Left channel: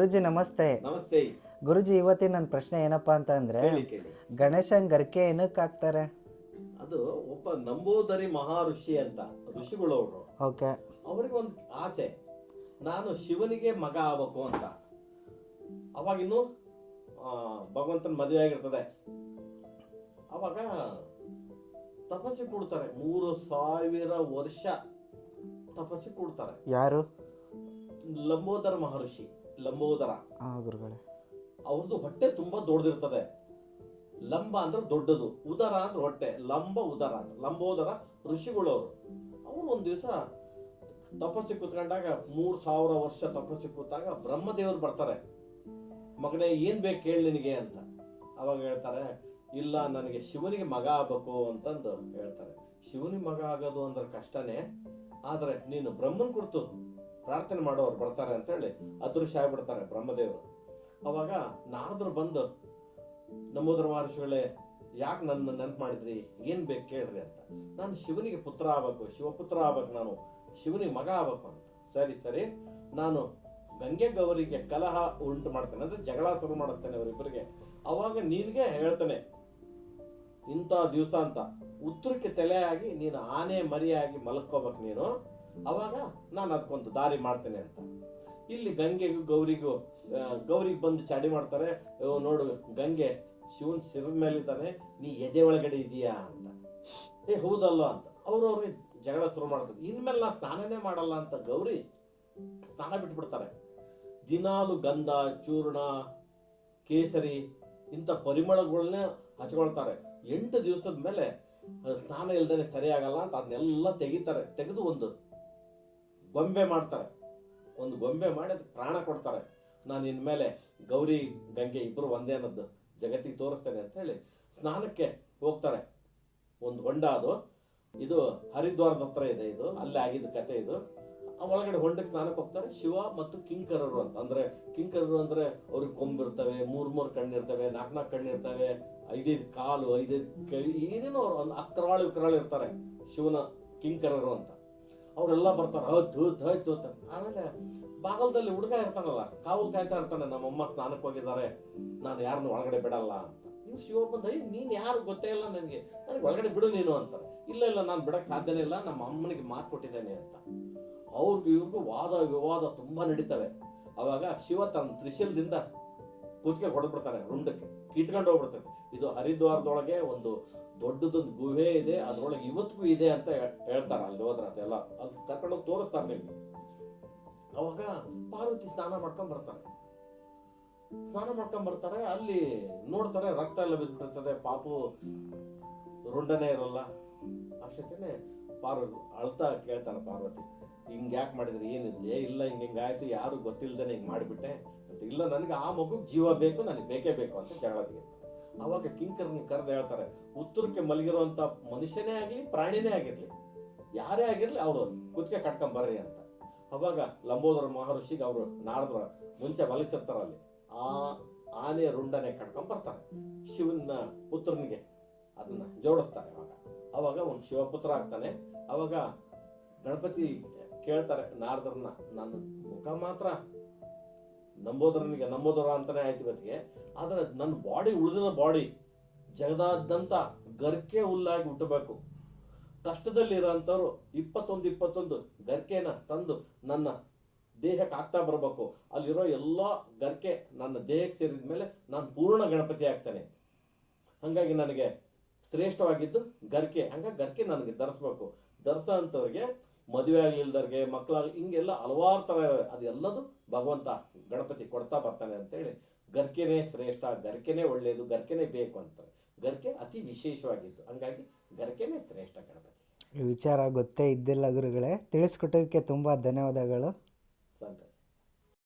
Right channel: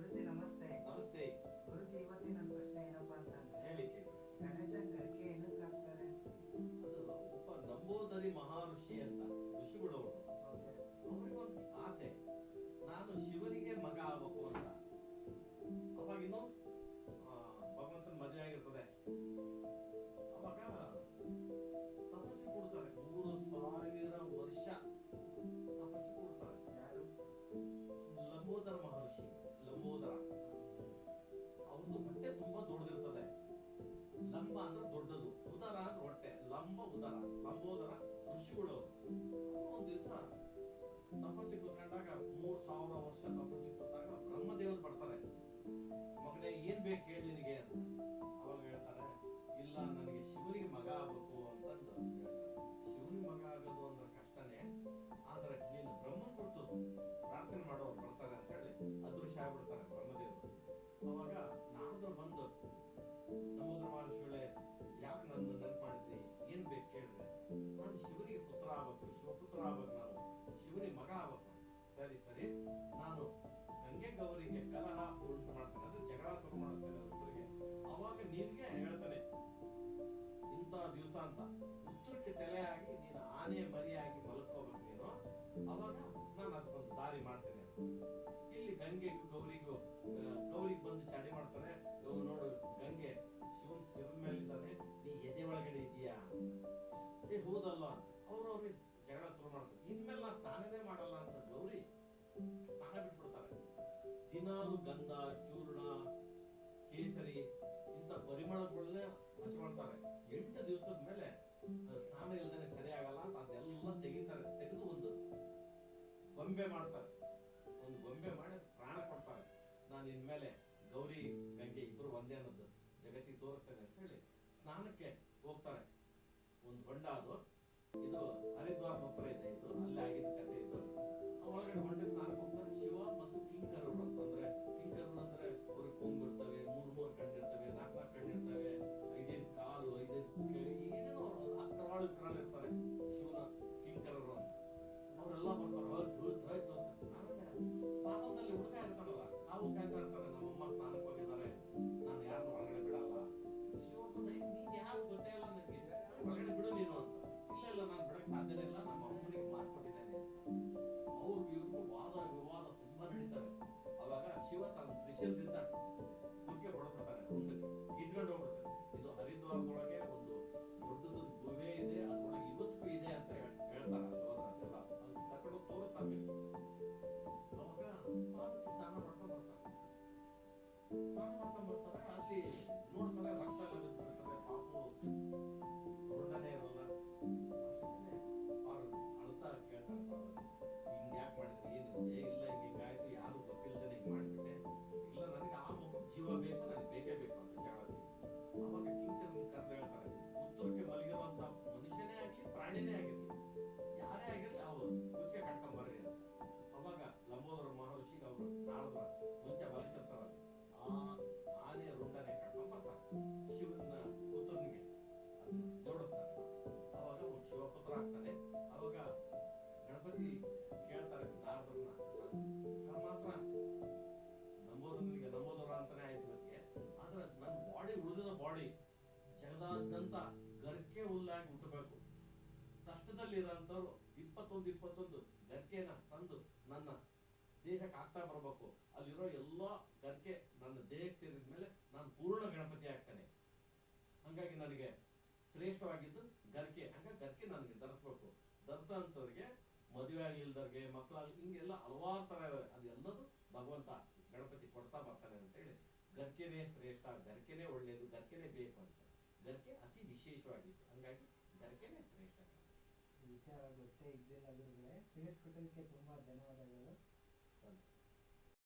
ಗುರುಜಿ ನಮಸ್ತೆ. ನಮಸ್ತೆ. ಗುರುಜಿ, ಇವತ್ತಿನ ನನ್ನ ಪ್ರಶ್ನೆ ಏನಪ್ಪಾ ಅಂತ ಅಂದ್ರೆ, ಕೇಳಿ. ಗಣೇಶನ್ ಗರ್ಕೆ ಏನಕ್ಕೆ ಹಾಕ್ತಾರೆ? ಅದು ಒಬ್ಬ ನಂಬೋದರಿ ಮಹರ್ಷಿ ಅಂತ ಋಷಿಗಳು ಅವರು. ಓಕೆ. ಅವರಿಗೆ ಒಂದು ಆಸೆ, ನಾನು ಶಿವನಿಗೆ ಮಗ ಆಗ್ಬೇಕು ಅಂತ. ಅವಾಗಿನ್ನು ಭಗವಂತನ ಮದುವೆ ಆಗಿರ್ತದೆ. ಅವಾಗ ತಪಸ್ಸಿ ಕೂಡ್ತಾರೆ, 3000 ವರ್ಷ ತಪಸ್ಸಿ ಕೂಡ್ತಾರೆ. ಯಾರು? ಲಂಬೋದರ ಮಹರ್ಷಿ. ಲಂಬೋದರ ಗುರುಗಳೇ. ಅವ್ರದ್ದು ಹೊಟ್ಟೆ ತುಂಬಾ ದೊಡ್ಡದಿರ್ತದೆ. ಲಂಬ ಅಂದ್ರೆ ದೊಡ್ಡದು, ಉದರ ಅಂದ್ರೆ ಹೊಟ್ಟೆ, ಲಂಬ ಉದರ ಅಂತ. ಲಂಬೋದರ ಋಷಿಗಳು ಅವರು ಒಂದ್ ದಿವಸ ತಪಸ್ಸಿ ಕೂತ್ಕೊಂಡಾಗ 3000 ವರ್ಷ ತಪಸ್ಸಿ ಕೂತಾಗ ಬ್ರಹ್ಮದೇವರು ಬರ್ತಾರೆ. ಮಗನೇ ಏನ್ ಬೇಕು ಕೇಳಿ ನಿನಗೆ ಅಂತ. ಅವಾಗ ಹೇಳ್ತಾರೆ, ಇಲ್ಲ ನನಗೆ ಶಿವನಿಗೆ ಮಗ ಆಗ್ಬೇಕು ಅಂತಂದು ಹೇಳ್ತಾರೆ. ಶಿವನಿಗೆ ಮಗ ಆಗೋದು ಅಂದ್ರೆ ಕಷ್ಟನೇ, ಆದ್ರೆ ನೀನು ಬ್ರಹ್ಮನ್ ಕುರಿತು ಪ್ರಾರ್ಥನೆ ಮಾಡೋರು ಬರ್ತಾರೆ ಅಂತ ಹೇಳಿ ಅದೃಶ್ಯ ಆಗ್ಬಿಡ್ತಾರೆ ಬ್ರಹ್ಮದೇವರು. ಅವಾಗ ನಾರದ್ರು ಬಂದು, ನಂಬೋದರ ಮಹರ್ಷಿಗಳೇ, ಯಾಕೆ ನನ್ನ ನೆನಪು ಮಾಡಿದ್ರಿ, ಏನ್ ಬೇಕು ಕೇಳ್ರಿ ಅಂತ. ನಾನು ಶಿವನಿಗೆ ಪುತ್ರ ಆಗ್ಬೇಕು, ಶಿವಪುತ್ರ ಆಗ್ಬೇಕು, ನಾನು ಶಿವನಿಗೆ ಮಗ ಆಗ್ಬೇಕು ಅಂತ. ಸರಿ ಸರಿ, ನಾನು ಗಂಗೆ ಗೌರಿಗೆ ಕಲಹ ಉಂಟು ಮಾಡ್ತೇನೆ, ಅಂದ್ರೆ ಜಗಳ ಶುರು ಮಾಡಿಸ್ತೇನೆ ಅವರಿಬ್ಬರಿಗೆ. ಅವಾಗ ನಿನ್ಗೆ ಹೇಳ್ತೇನೆ, ಇಂಥ ದಿವಸ ಅಂತ ಉತ್ತರಕ್ಕೆ ತಲೆಯಾಗಿ ನೀನು ಆನೆ ಮರಿಯಾಗಿ ಮಲ್ಕೋಬೇಕು ನೀನು. ಅವಾಗ ನಾನು ಅದಕ್ಕೊಂದು ದಾರಿ ಮಾಡ್ತೇನೆ ಅಂತ. ಇಲ್ಲಿ ಗಂಗೆಗೂ ಗೌರಿಗೂ ಗೌರಿಗೆ ಬಂದು ಚಾಡಿ ಮಾಡ್ತಾರೆ. ನೋಡು, ಗಂಗೆ ಶಿವನ್ ಸಿರದ ಮೇಲಿದ್ದಾನೆ, ನೀ ಎದೆ ಒಳಗಡೆ ಇದೀಯಾ ಅಂತ. ಹೌದಲ್ಲ ಅಂತ ಅವ್ರಿಗೆ ಜಗಳ ಶುರು ಮಾಡ್ತಾರೆ. ಇನ್ಮೇಲೆ ನಾ ಸ್ನಾನನೇ ಮಾಡಲ್ಲ ಅಂತ ಗೌರಿ ಸ್ನಾನ ಬಿಟ್ಬಿಡ್ತಾರೆ. ದಿನಾಲು ಗಂಧ, ಚೂರ್ಣ, ಕೇಸರಿ ಇಂಥ ಪರಿಮಳಗಳನ್ನೇ ಹಚ್ಕೊಳ್ತಾರೆ. 8 ದಿವಸದ ಮೇಲೆ ಸ್ನಾನ ಇಲ್ದೇನೆ ಸರಿಯಾಗಲ್ಲ ಅಂತ ಅದನ್ನೆಲ್ಲ ತೆಗಿತಾರೆ. ತೆಗೆದು ಒಂದು ಗೊಂಬೆ ಮಾಡ್ತಾರೆ. ಒಂದು ಗೊಂಬೆ ಮಾಡಿ ಅದಕ್ಕೆ ಪ್ರಾಣ ಕೊಡ್ತಾರೆ. ನಾನು ಇನ್ಮೇಲೆ ಗೌರಿ ಗಂಗೆ ಇಬ್ರು ಒಂದೇ ಅನ್ನೋದು ಜಗತ್ತಿಗೆ ತೋರಿಸ್ತೇನೆ ಅಂತ ಹೇಳಿ ಸ್ನಾನಕ್ಕೆ ಹೋಗ್ತಾರೆ. ಒಂದು ಹೊಂಡ ಅದು, ಇದು ಹರಿದ್ವಾರದ ಹತ್ರ ಇದೆ, ಇದು ಅಲ್ಲೇ ಆಗಿದ್ದ ಕತೆ ಇದು. ಒಳಗಡೆ ಹೊಂಡಕ್ಕೆ ಸ್ನಾನಕ್ಕೆ ಹೋಗ್ತಾರೆ. ಶಿವ ಮತ್ತು ಕಿಂಕರರು ಅಂತ. ಅಂದ್ರೆ ಕಿಂಕರರು ಅಂದ್ರೆ ಅವ್ರಿಗೆ ಕೊಂಬಿರ್ತವೆ, 3 ಕಣ್ಣಿರ್ತವೆ, 4 ಕಣ್ಣಿರ್ತವೆ, 5 ಕಾಲು, 5 ಕೈ, ಏನೇನೋ ಅವ್ರು ಒಂದು ಅಕ್ರಾಳು ಇರ್ತಾರೆ ಶಿವನ ಕಿಂಕರರು ಅಂತ. ಅವರೆಲ್ಲ ಬರ್ತಾರೆ, ಹೋಯ್ತು ಅಂತ. ಆಮೇಲೆ ಬಾಗಲದಲ್ಲಿ ಹುಡುಗ ಇರ್ತಾನಲ್ಲ, ಕಾವಲ್ ಕಾಯ್ತಾ ಇರ್ತಾನೆ, ನಮ್ಮಮ್ಮ ಸ್ನಾನಕ್ಕೆ ಹೋಗಿದ್ದಾರೆ, ನಾನು ಯಾರನ್ನು ಒಳಗಡೆ ಬಿಡಲ್ಲ ಅಂತ. ನೀವು ಶಿವ ಬಂದ, ನೀನ್ ಯಾರು ಗೊತ್ತೇ ಇಲ್ಲ ನನಗೆ ಒಳಗಡೆ ಬಿಡು ನೀನು ಅಂತ. ಇಲ್ಲ ನಾನು ಬಿಡಕ್ ಸಾಧ್ಯನೇ ಇಲ್ಲ, ನಮ್ಮ ಅಮ್ಮನಿಗೆ ಮಾತು ಕೊಟ್ಟಿದ್ದೇನೆ ಅಂತ. ಅವ್ರಿಗೂ ಇವ್ರಿಗೂ ವಾದ ವಿವಾದ ತುಂಬಾ ನಡೀತವೆ. ಅವಾಗ ಶಿವ ತನ್ನ ತ್ರಿಶೂಲದಿಂದ ಕುತ್ತಿಗೆ ಹೊಡೆದ್ಬಿಡ್ತಾನೆ, ರುಂಡಕ್ಕೆ ಕಿತ್ಕೊಂಡು ಹೋಗ್ಬಿಡ್ತಾನೆ. ಇದು ಹರಿದ್ವಾರದೊಳಗೆ ಒಂದು ದೊಡ್ಡದೊಂದು ಗುಹೆ ಇದೆ, ಅದ್ರೊಳಗೆ ಇವತ್ತಿಗೂ ಇದೆ ಅಂತ ಹೇಳ್ತಾರೆ. ಅಲ್ಲಿ ಹೋದ್ರ ಅದೆಲ್ಲ ಅದು ಕರ್ಕೊಂಡೋಗಿ ತೋರಿಸ್ತಾರೆ ನಿಮ್ಗೆ. ಅವಾಗ ಪಾರ್ವತಿ ಸ್ನಾನ ಮಾಡ್ಕೊಂಡ್ ಬರ್ತಾರೆ. ಅಲ್ಲಿ ನೋಡ್ತಾರೆ, ರಕ್ತ ಎಲ್ಲ ಬಿದ್ದಿರ್ತದೆ, ಪಾಪು ರುಂಡನೇ ಇರಲ್ಲ. ಅಷ್ಟೇ ಅಳ್ತಾ ಕೇಳ್ತಾರೆ ಪಾರ್ವತಿ, ಹಿಂಗ್ ಯಾಕೆ ಮಾಡಿದ್ರಿ, ಏನಿದೆ? ಇಲ್ಲ ಹಿಂಗಾಯ್ತು, ಯಾರು ಗೊತ್ತಿಲ್ದೇನೆ ಹಿಂಗ್ ಮಾಡಿಬಿಟ್ಟೆ. ಇಲ್ಲ, ನನಗೆ ಆ ಮಗುಗ್ ಜೀವ ಬೇಕು, ನನಗೆ ಬೇಕೇ ಬೇಕು ಅಂತ ಜಗಳದಿಗೆ. ಅವಾಗ ಕಿಂಕರನ್ನ ಕರೆದು ಹೇಳ್ತಾರೆ, ಉತ್ತರಕ್ಕೆ ಮಲಗಿರುವಂತ ಮನುಷ್ಯನೇ ಆಗ್ಲಿ, ಪ್ರಾಣಿನೇ ಆಗಿರ್ಲಿ, ಯಾರೇ ಆಗಿರ್ಲಿ, ಅವ್ರು ಕುತ್ತಿಗೆ ಕಟ್ಕೊಂಡ್ ಬರ್ರಿ ಅಂತ. ಅವಾಗ ಲಂಬೋದರ ಮಹರ್ಷಿಗೆ ಅವರು ನಾರದ್ರ ಮುಂಚೆ ಮಲಗಿಸಿರ್ತಾರ, ಅಲ್ಲಿ ಆ ಆನೆ ರುಂಡನೆ ಕಟ್ಕೊಂಡ್ ಬರ್ತಾರೆ. ಶಿವನ ಪುತ್ರನಿಗೆ ಅದನ್ನ ಜೋಡಿಸ್ತಾರೆ. ಅವಾಗ ಒಂದು ಶಿವಪುತ್ರ ಆಗ್ತಾನೆ. ಅವಾಗ ಗಣಪತಿ ಕೇಳ್ತಾರೆ ನಾರದರನ್ನ, ನನ್ನ ಮುಖ ಮಾತ್ರ ನಂಬೋದರ ಅಂತಾನೆ ಆಯ್ತು ಇವತ್ತಿಗೆ, ಆದ್ರೆ ನನ್ನ ಬಾಡಿ, ಉಳಿದಿರೋ ಬಾಡಿ ಜಗದಾದ್ಯಂತ ಗರ್ಕೆ ಹುಲ್ಲಾಗಿ ಹುಟ್ಟಬೇಕು. ಕಷ್ಟದಲ್ಲಿ ಇರೋಂಥವ್ರು 21 ಗರ್ಕೆನ ತಂದು ನನ್ನ ದೇಹಕ್ಕೆ ಆಗ್ತಾ ಬರಬೇಕು. ಅಲ್ಲಿರೋ ಎಲ್ಲಾ ಗರ್ಕೆ ನನ್ನ ದೇಹಕ್ಕೆ ಸೇರಿದ ಮೇಲೆ ನಾನು ಪೂರ್ಣ ಗಣಪತಿ ಆಗ್ತೇನೆ. ಹಂಗಾಗಿ ನನಗೆ ಶ್ರೇಷ್ಠವಾಗಿದ್ದು ಗರ್ಕೆ. ಹಂಗಾಗಿ ಗರ್ಕೆ ನನಗೆ ಧರಿಸ್ಬೇಕು. ಧರಿಸೋ ಅಂಥವ್ರಿಗೆ, ಮದುವೆ ಆಗ್ಲಿಲ್ದವ್ರಿಗೆ, ಮಕ್ಕಳಾಗ್ಲಿ, ಹಿಂಗೆಲ್ಲ ಹಲವಾರು ತರ ಅದೆಲ್ಲದು ಭಗವಂತ ಗಣಪತಿ ಕೊಡ್ತಾ ಬರ್ತಾನೆ ಅಂತೇಳಿ ಗರ್ಕೆನೇ ಶ್ರೇಷ್ಠ, ಗರ್ಕೆನೇ ಒಳ್ಳೇದು, ಗರ್ಕೆನೇ ಬೇಕು ಅಂತಾರೆ. ಗರ್ಕೆ ಅತಿ ವಿಶೇಷವಾಗಿದ್ದು, ಹಂಗಾಗಿ ಗರ್ಕೆನೇ ಶ್ರೇಷ್ಠ ಗಣಪತಿ. ಈ ವಿಚಾರ ಗೊತ್ತೇ ಇದ್ದಿಲ್ಲ ಗುರುಗಳೇ, ತಿಳಿಸ್ಕೊಟ್ಟೋದಕ್ಕೆ ತುಂಬಾ ಧನ್ಯವಾದಗಳು.